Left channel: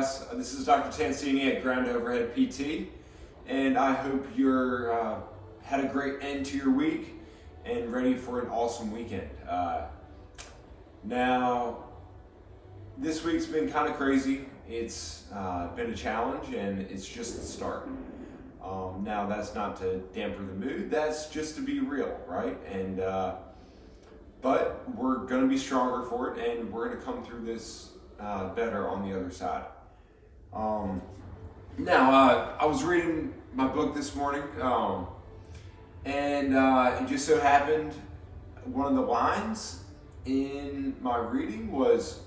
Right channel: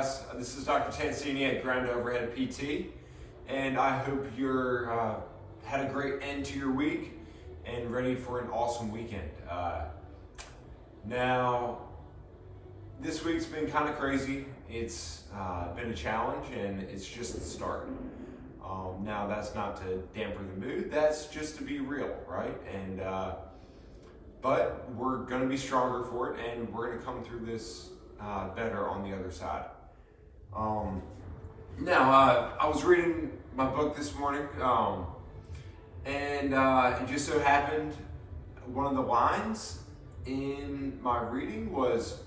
guys? This is Dr. Tancini at Ground Overhead PT, and I hope you're had a great end to your week and ready for an awesome weekend. Now, this week's been kind of crazy. It's been a challenge, and it's just the start. Now, that's not to dampen the mood. That's just to be real, right? And but we're going to be stronger for it, and we're going to come through this better on the other side. Now, I was reading my book this morning, and it just so happened one of the lines in my reading was,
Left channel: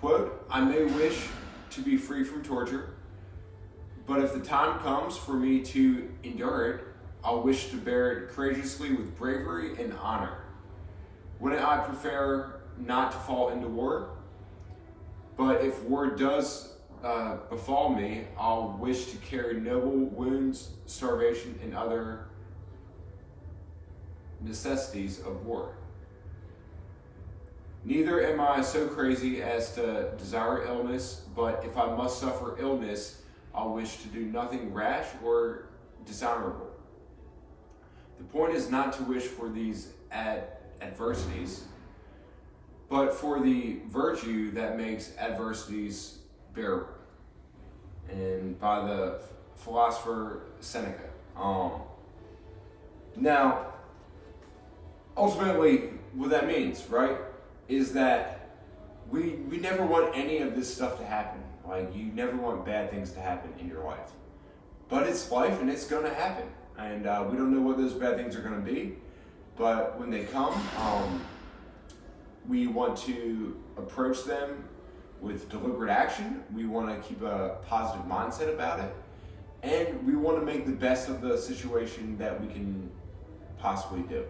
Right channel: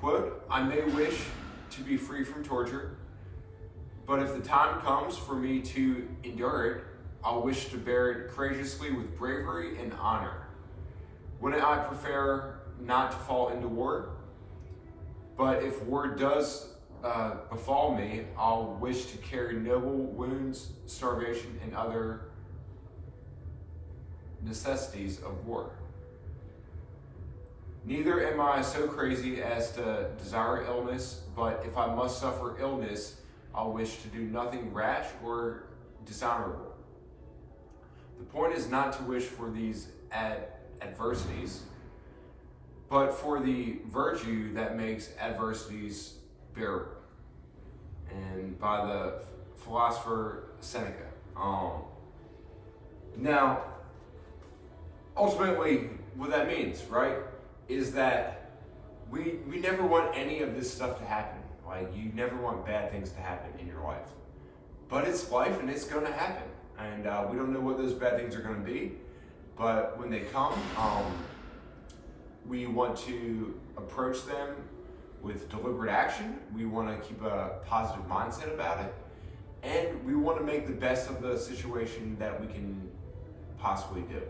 quote, "I may wish to be free from torture, but if the time comes for me to endure it, I'll wish to bear it courageously with bravery and honor. Wouldn't I prefer not to fall into war? But if war does befall me, I'll wish to carry noble wounds, starvation, and other necessities of war. Neither am I so crazy as to desire illness, but if I must suffer illness, I'll wish to do nothing rash or dishonorable. The point is not to wish for these adversities, but for the virtue that makes adversities bearable." And by the philosopher Seneca. Now, ultimately, what that means, right, is that we never want any of this stuff to happen. Like, you never want bad things to happen in your life. But it's life, and it's going to happen. And we don't know what those bad things are going to be. But when they come, we want to approach them with deliberate action. We want to keep a positive mindset about it. And we want to make the best of the situation that we can possibly do.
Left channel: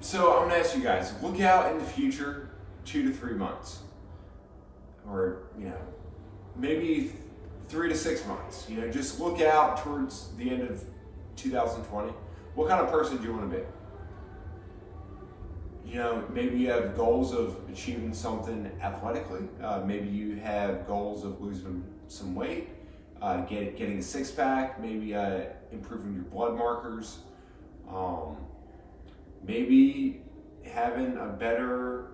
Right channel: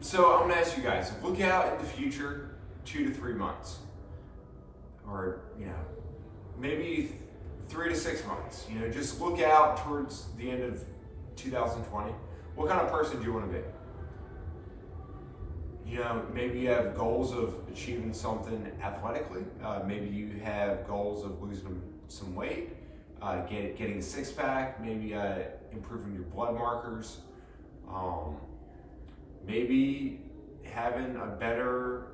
So I'm going to ask you guys, look out in the future 2 to 3 months. Or, maybe 3 to 6 months. Just look out towards the end of 2020. What kind of person do you want to be? Maybe you have goals of achieving something athletically. Maybe you have goals of losing some weight, getting a six-pack, maybe improving your blood markers, maybe having a better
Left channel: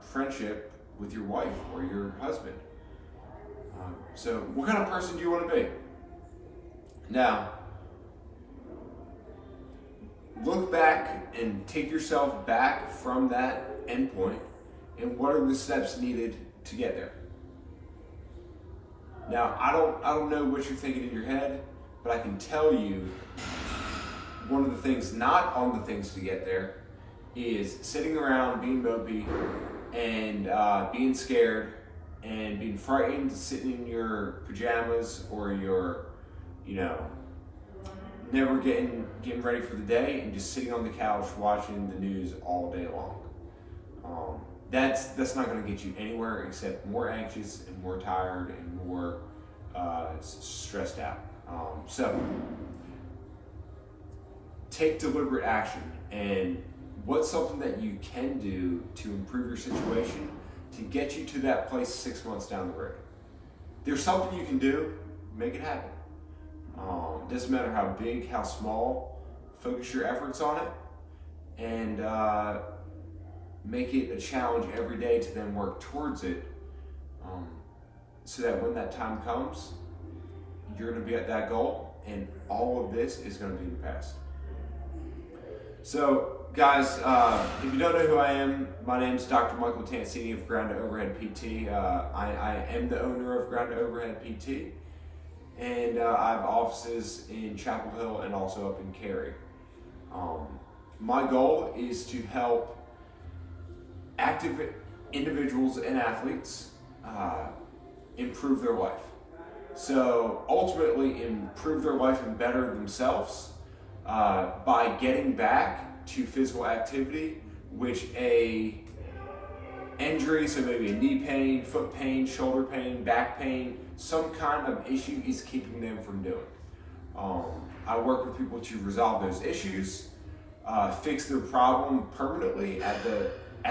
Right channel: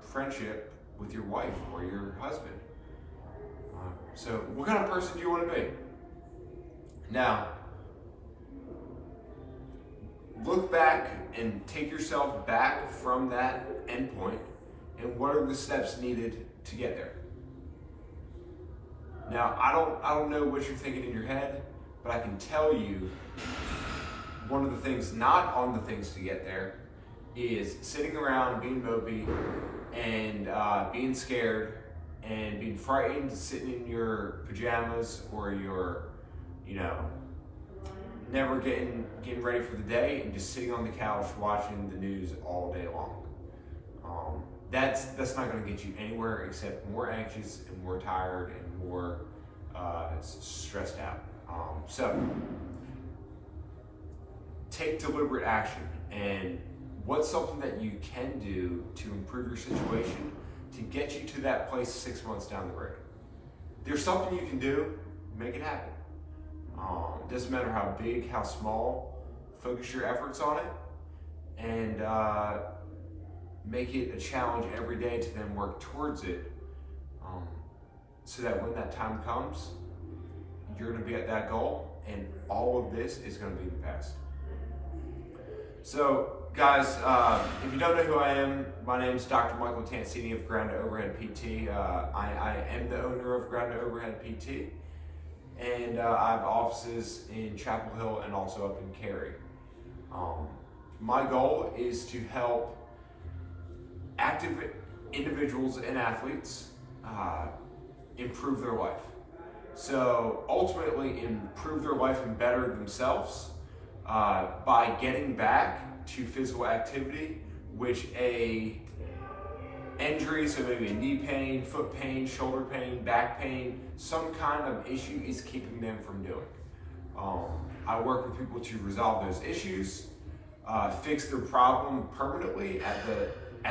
friendship with your wife or your husband. So what kind of person do you want to be? Now, look back and take yourself back from that endpoint, and what are the steps needed to get there? Now, I don't know what you're thinking in your head, but I can tell you one of the things not on the things to get there is sitting around being mopey and being scared and being frightened, sitting in your pajamas or your, never getting ready for the day and just sitting on the couch watching the news all day long. That's not going to get you anywhere except more anxious and more tired and more stressed out. So take deliberate action. And what's something that you can do to improve your situation to get you to that place 6 months down the road? There's something you can do, make it happen. Doesn't matter how big, how small, focus your efforts on it and make it a challenge every day to then work towards it, so that when that time comes, you're going to be at that goal and all of this is going to be in the past. So guys, if you don't know who I am, my name is Dr. Michael Tancini of Ground Overhead PT. I am the owner of Ground Overhead PT. And I have offices in Chapel Hill and also up in Cary. My goal is to help active individuals and athletes improve their life. So ultimately improve their life and better themselves by getting back to physical activity, which a injury, so maybe a knee pain, foot pain, shoulder pain, back pain, some kind of issue is keeping them from doing. I work with people to resolve those issues, fix their problem permanently at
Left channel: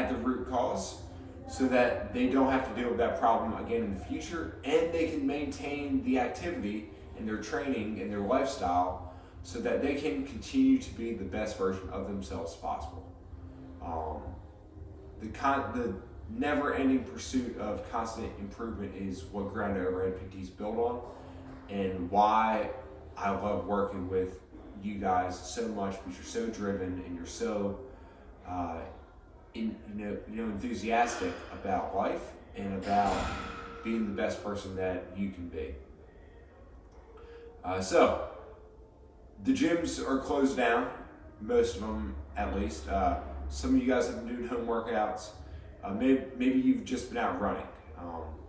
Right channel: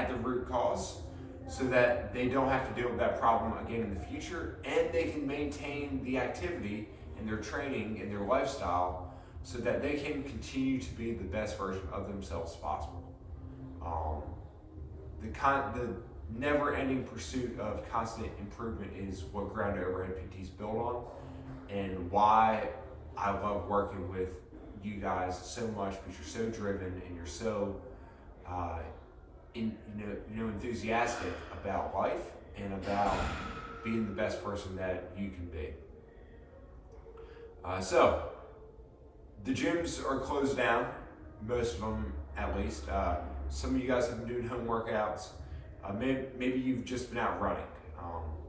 the root cause, so that they don't have to deal with that problem again in the future, and they can maintain the activity and their training and their lifestyle so that they can continue to be the best version of themselves possible. The never-ending pursuit of constant improvement is what Ground to Overhead PT is built on, and why I love working with you guys so much, because you're so driven and you're so enthusiastic about life and about being the best person that you can be. So the gyms are closed down, most of them at least. Some of you guys have been doing home workouts. Maybe you've just been out running.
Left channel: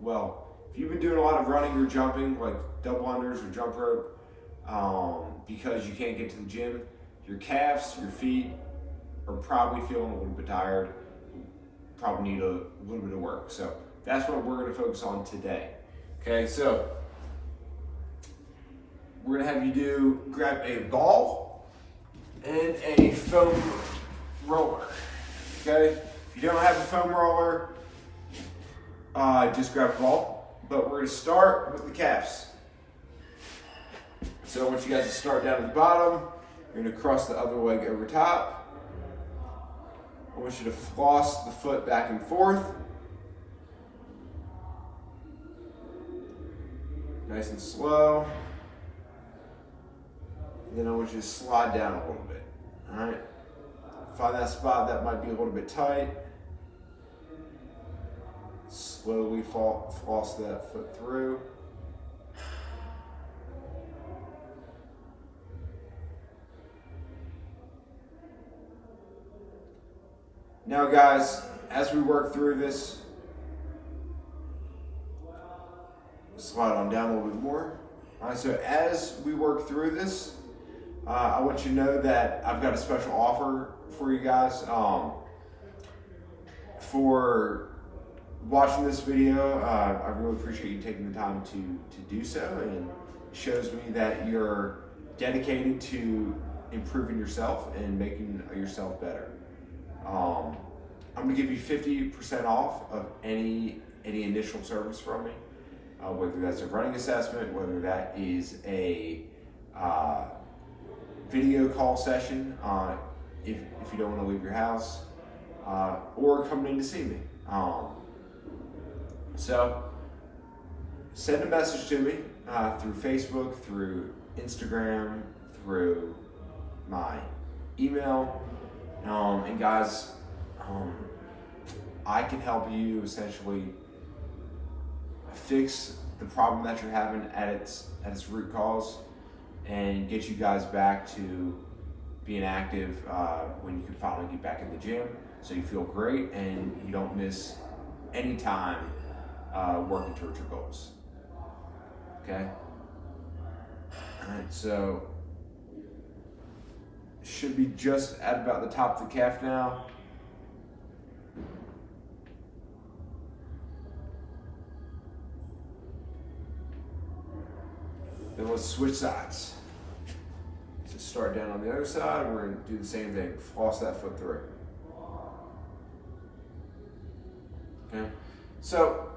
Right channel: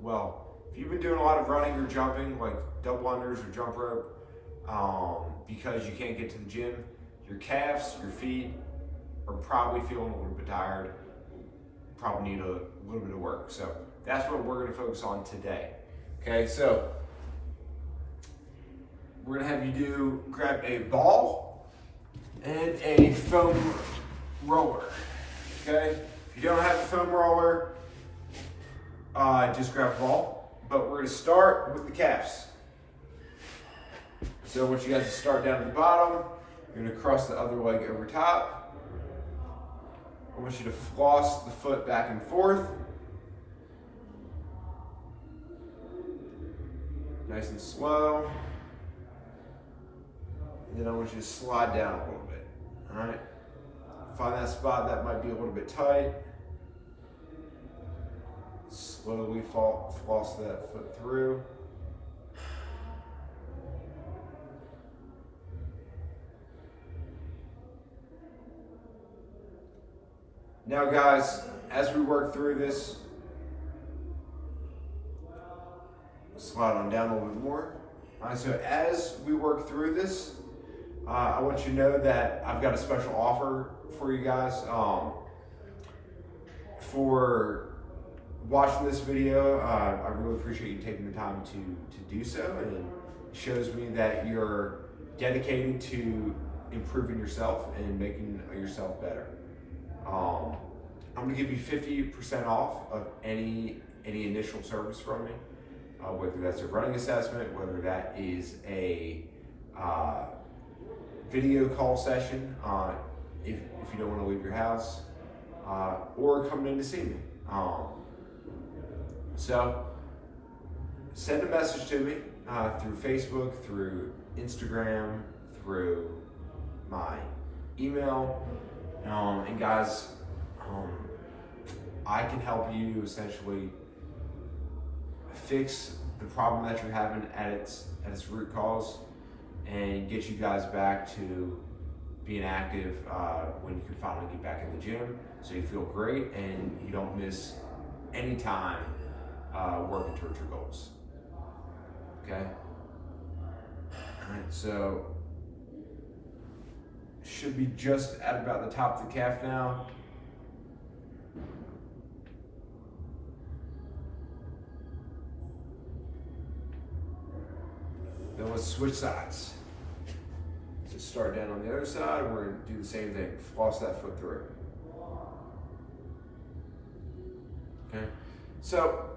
Well, if you've been doing a lot of running or jumping, like double unders or jump rope, because you can't get to the gym, your calves, your feet are probably feeling a little bit tired, probably need a little bit of work. So that's what we're going to focus on today. Okay, so we're going to have you grab a ball and a foam roller. Okay, if you don't have a foam roller, just grab a ball. But we're going to start with the calves. So I want you guys to start down at the bottom. You're going to cross the other leg over top. I want you to floss the foot back and forth. Nice and slow. And then I want you to slide down a little bit. All right. Find that spot that might be a little bit tight. Slowly floss that foot through. Now guys, as we work through this, slide on down a little bit more. All right, so as we work through this, I want you to know that I've got a special offer for you guys. For watching this video, I really appreciate you taking the time to do so, and it shows me that you're dedicated to improving yourself and making yourself better. I'm going to give you 50% off of any initial service from me, whether that's a running assessment, whether that is a video call session if you don't want to leave your house, or coming in to see me. So send a message to me through Facebook, through Instagram, through my email. And guys, I can help you essentially fix the problem that you're having at its root cause, and get you guys back to being active when you can finally get back in the gym, so you feel great and you don't miss any time working towards your goals. Okay? All right, so should be just at about the top of the calf now. Then let's switch sides. So start down on the other side, and we're going to do the same thing. Floss that foot through. Okay? So,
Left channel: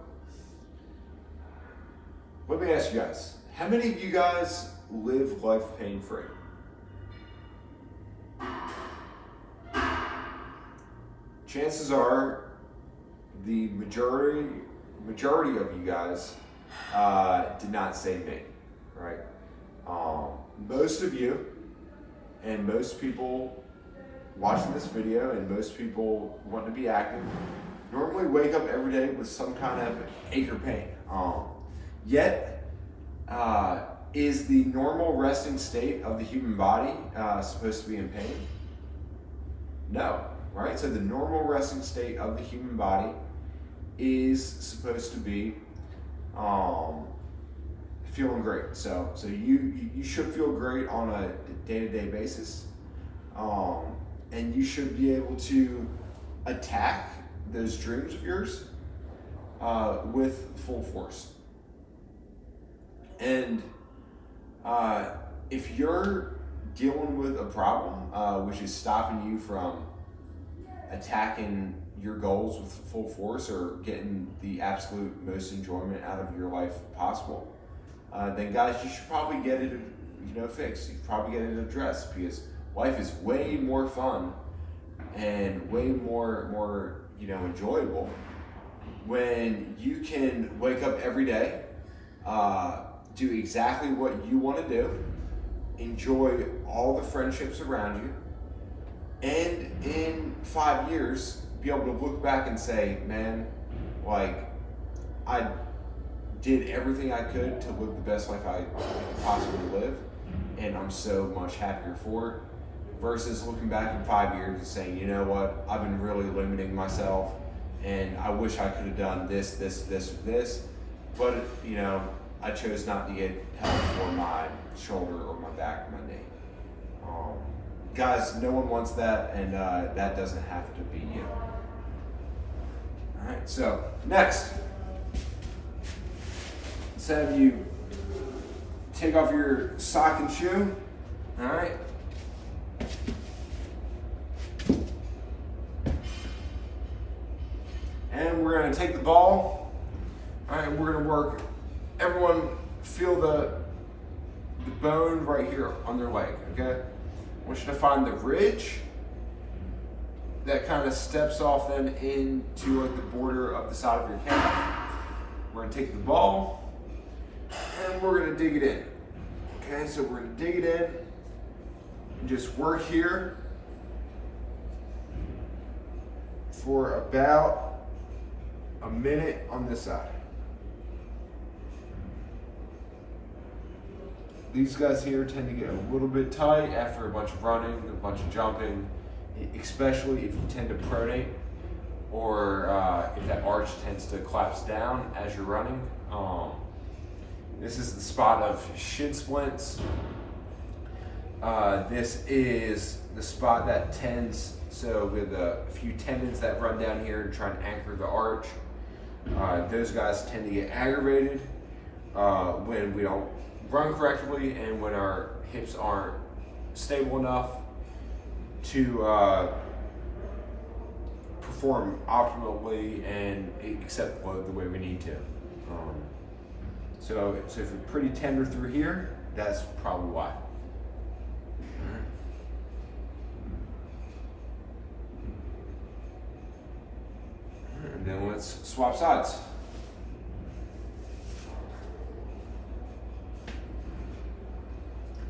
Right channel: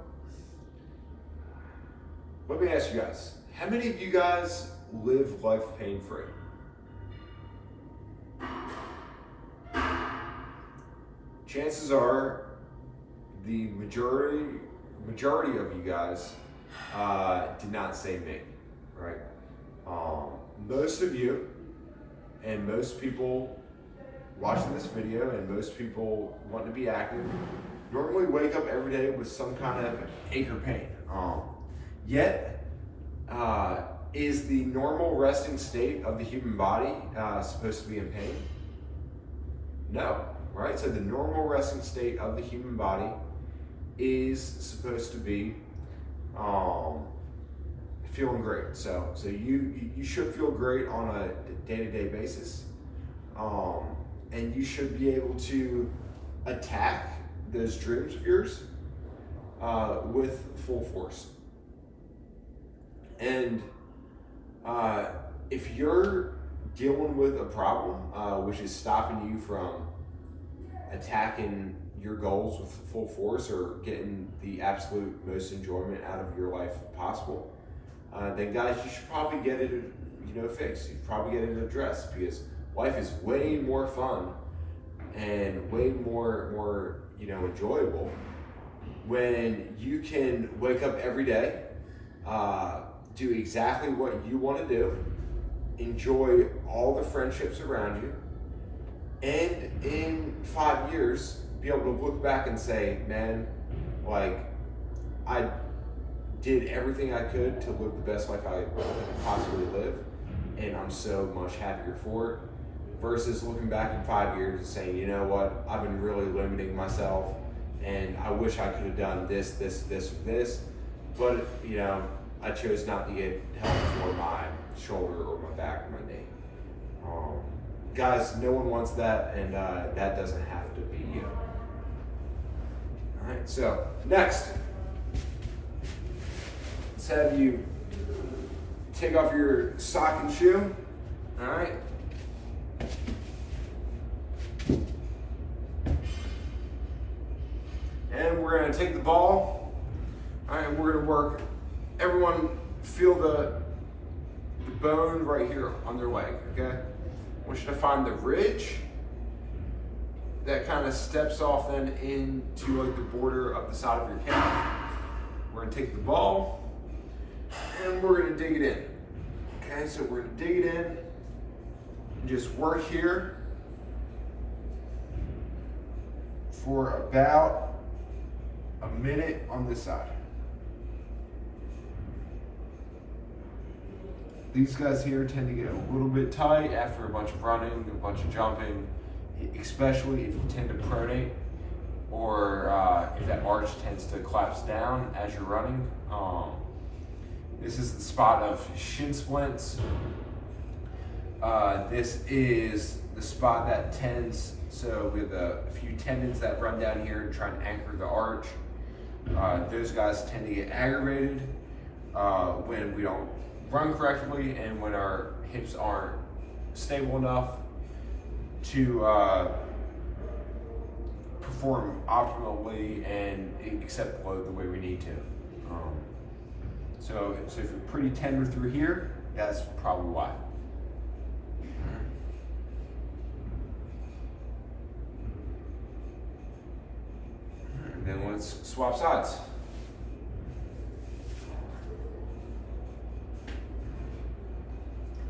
let me ask you guys, how many of you guys live life pain-free? Chances are the majority of you guys did not say me, right? Most of you and most people watching this video and most people wanting to be active normally wake up every day with some kind of ache or pain. Yet, is the normal resting state of the human body supposed to be in pain? No. Right, so the normal resting state of the human body is supposed to be feeling great. So you should feel great on a day-to-day basis, and you should be able to attack those dreams of yours with full force. And if you're dealing with a problem which is stopping you from attacking your goals with full force or getting the absolute most enjoyment out of your life possible, then guys, you should probably get it, fixed. You should probably get it addressed, because life is way more fun and way more enjoyable when you can wake up every day, do exactly what you want to do, enjoy all the friendships around you, and in 5 years be able to look back and say, man, like, I did everything I could to live the best life I could possibly live, and I'm so much happier for it, versus looking back in 5 years and saying, you know what, I've been really limiting myself, and I wish I could have done this, but I chose not to get help for my shoulder or my back or my knee. Guys, no one wants that, and that doesn't have to be you. All right, so next, let's have you take off your sock and shoe. All right. And we're going to take the ball. All right, we're going to work. Everyone feel the bone right here on their leg, okay? I want you to find the ridge that kind of steps off then into like the border of the side of your calf. We're going to take the ball and we're going to dig it in. Okay, so we're going to dig it in and just work here for about a minute on this side. These guys here tend to get a little bit tight after a bunch of running, a bunch of jumping, especially if you tend to pronate, or if that arch tends to collapse down as you're running. This is the spot of shin splints. This is the spot that tends, so with a few tendons that run down here to try and anchor the arch. Those guys tend to get aggravated when we don't run correctly and when our hips aren't stable enough to perform optimally and accept load the way we need to. So if you're pretty tender through here, that's probably why. And then let's swap sides.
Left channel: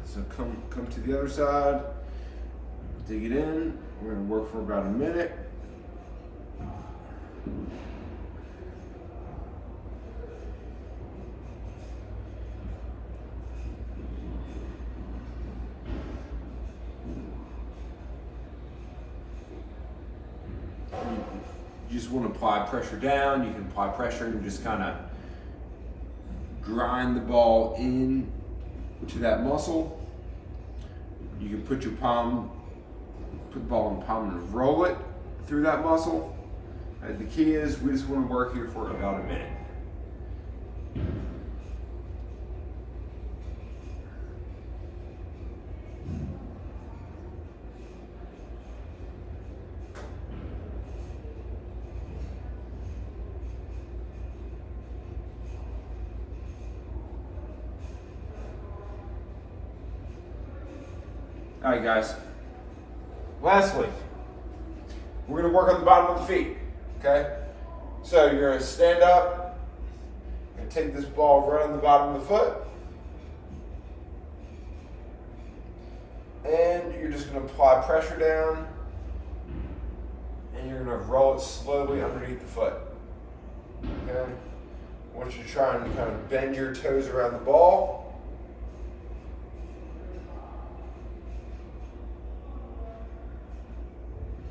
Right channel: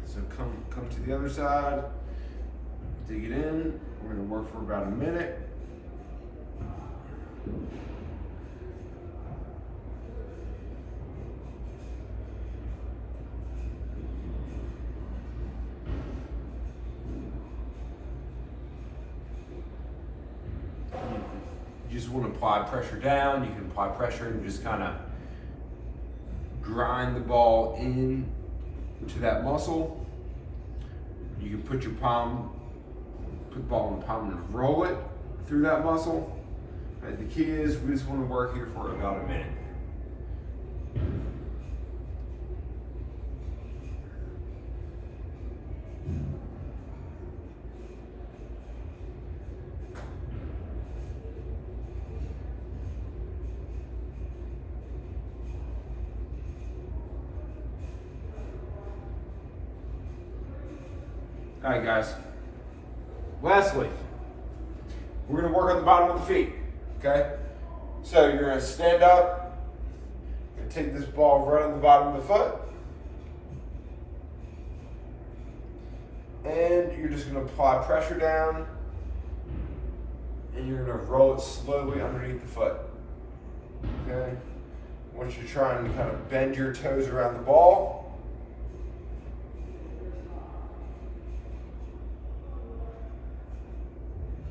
So come to the other side, dig it in. We're gonna work for about a minute. You just want to apply pressure down. You can apply pressure and just kind of grind the ball in to that muscle. You can put the ball in the palm and roll it through that muscle. And the key is we just want to work here for about a minute. All right, guys. Lastly, we're going to work on the bottom of the feet, okay? So you're going to stand up and take this ball right on the bottom of the foot. And you're just going to apply pressure down and you're going to roll it slowly underneath the foot, okay? I want you to try and kind of bend your toes around the ball.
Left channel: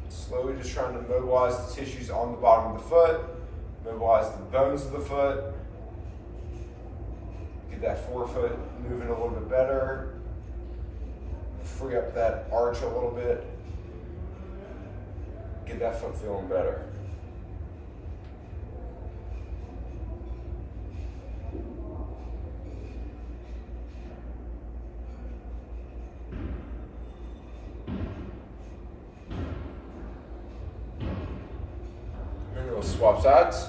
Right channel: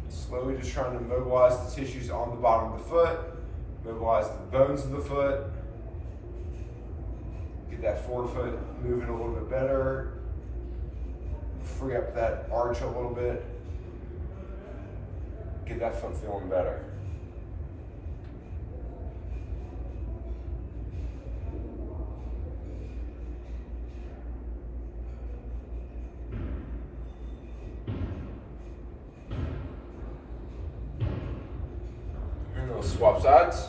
Slowly just trying to mobilize the tissues on the bottom of the foot, mobilize the bones of the foot, get that forefoot moving a little bit better, free up that arch a little bit, get that foot feeling better. swap sides.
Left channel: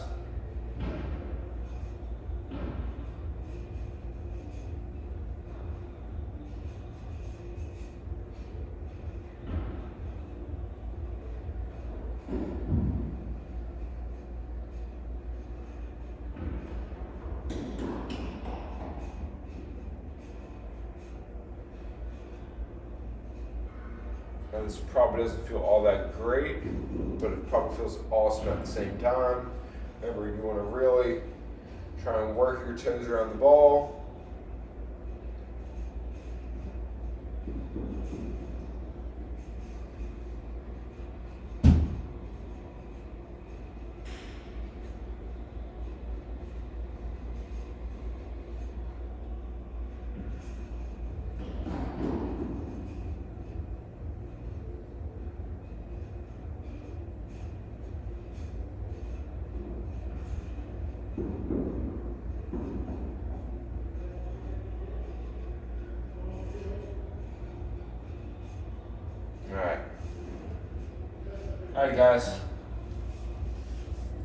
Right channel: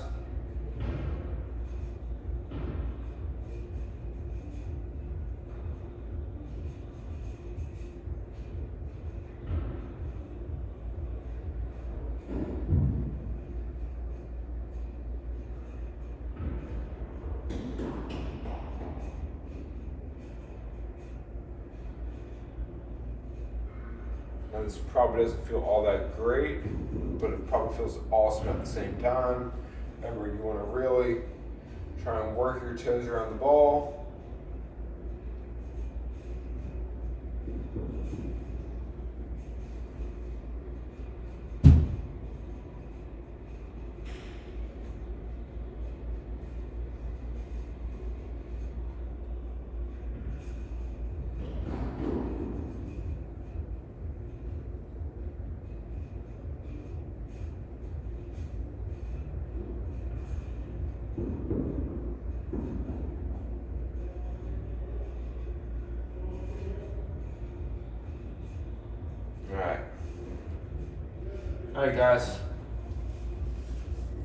And this probably doesn't feel all that great, but it probably feels awesome at the same time. Remember, you want to really try and work your toes around the ball. All right, guys.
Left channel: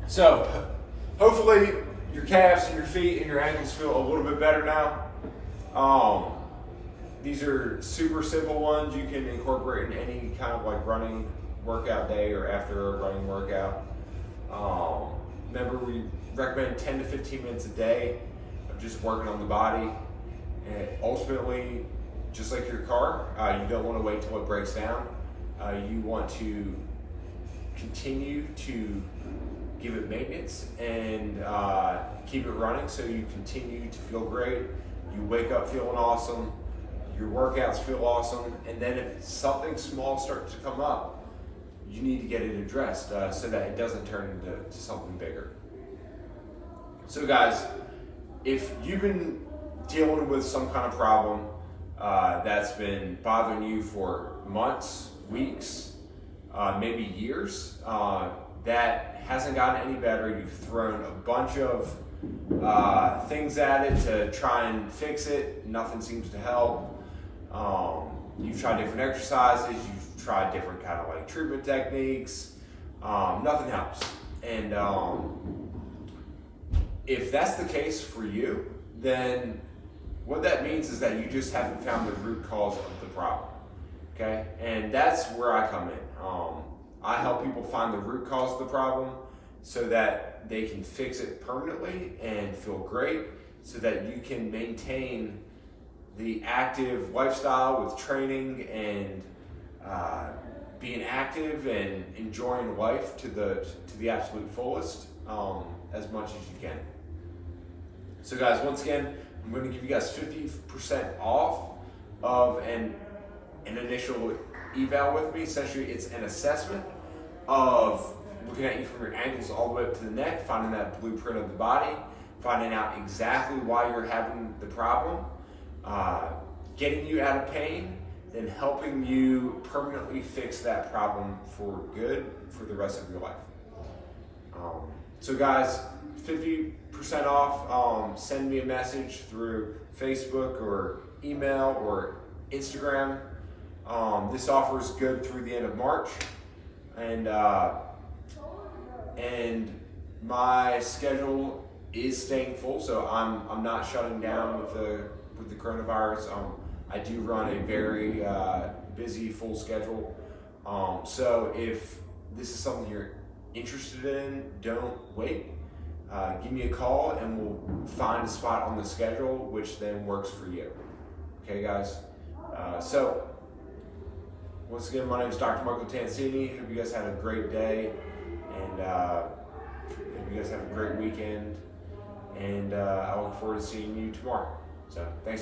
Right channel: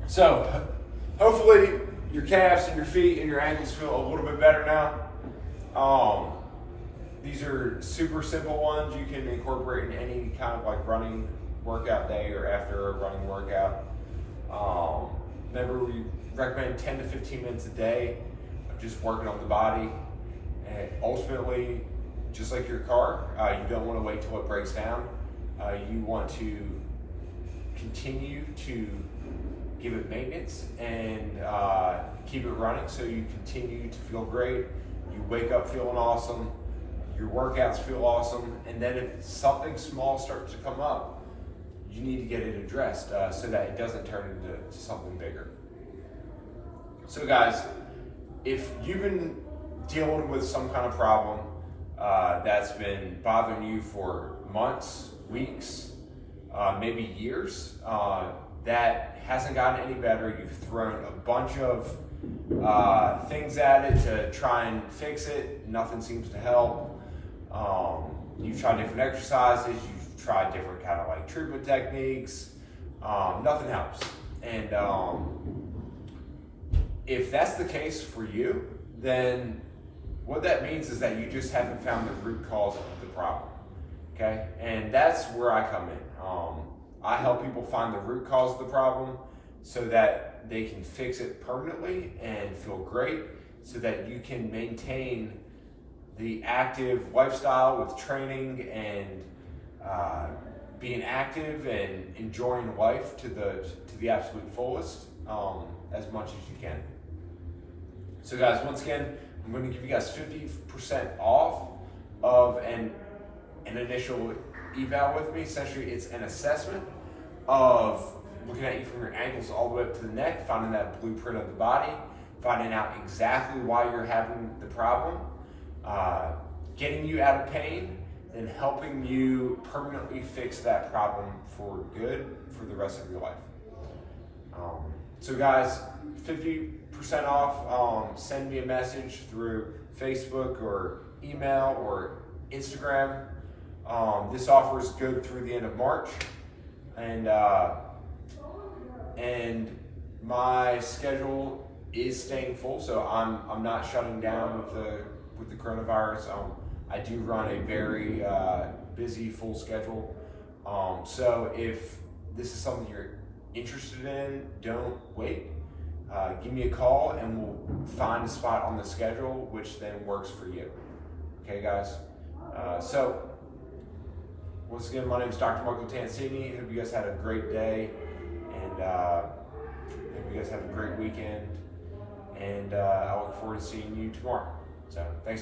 So, hopefully your calves and your feet and your ankles feel a little bit better now. These are super simple ones you can incorporate in any kind of like running workout day or after a running workout. Remember, we recommend 10 to 15 minutes a day of just working on the body. And ultimately, just like your car, you don't want to wait till it breaks down. You want to continue to give it maintenance and keep it running so you continue to feel great. You wake up feeling awesome, your workouts feel awesome, and then if something small starts to come up, you need to get it addressed so that it doesn't turn into something bigger. So guys, if you've been dealing with some kind of problem that's been bothering you for months, weeks, maybe years, that hasn't gotten any better, you've thrown a bunch of things at it to try and fix it, nothing seems to help. You've tried different exercises, you've tried different kind of like treatment techniques, nothing helps. And if that's the case for you, then what that means is that you just haven't found the root cause of the problem. Okay, and that's where I come in. I help people find the root cause of the problem so that they can fix it permanently and feel great, so that you can maintain the active lifestyle with training and being active and enjoying life to the absolute fullest as much as you can. So guys, once again, I'm going to give you guys 50% off of an initial eval with me. Essentially, it's an assessment of looking at you from your ankles all the way up to the neck, finding that blueprint of the body, finding out exactly why you're having the problem, getting you out of pain, and helping you permanently fix that problem for good for the rest of your life. So guys, 50% off, send me a message through Facebook or email or Instagram. This offer is good through the end of March, and my schedule is staying full, so I'm not shutting down with the coronavirus. I do run a very busy, full schedule. So if this is something you're interested in, don't wait. Give me a call and we'll find a spot on the schedule which then works for you. Okay, guys? So once again, my name is Dr. Michael Tancini. Hope you guys had a great day, and hope you guys have a great weekend. And I look forward to seeing you tomorrow. So thanks.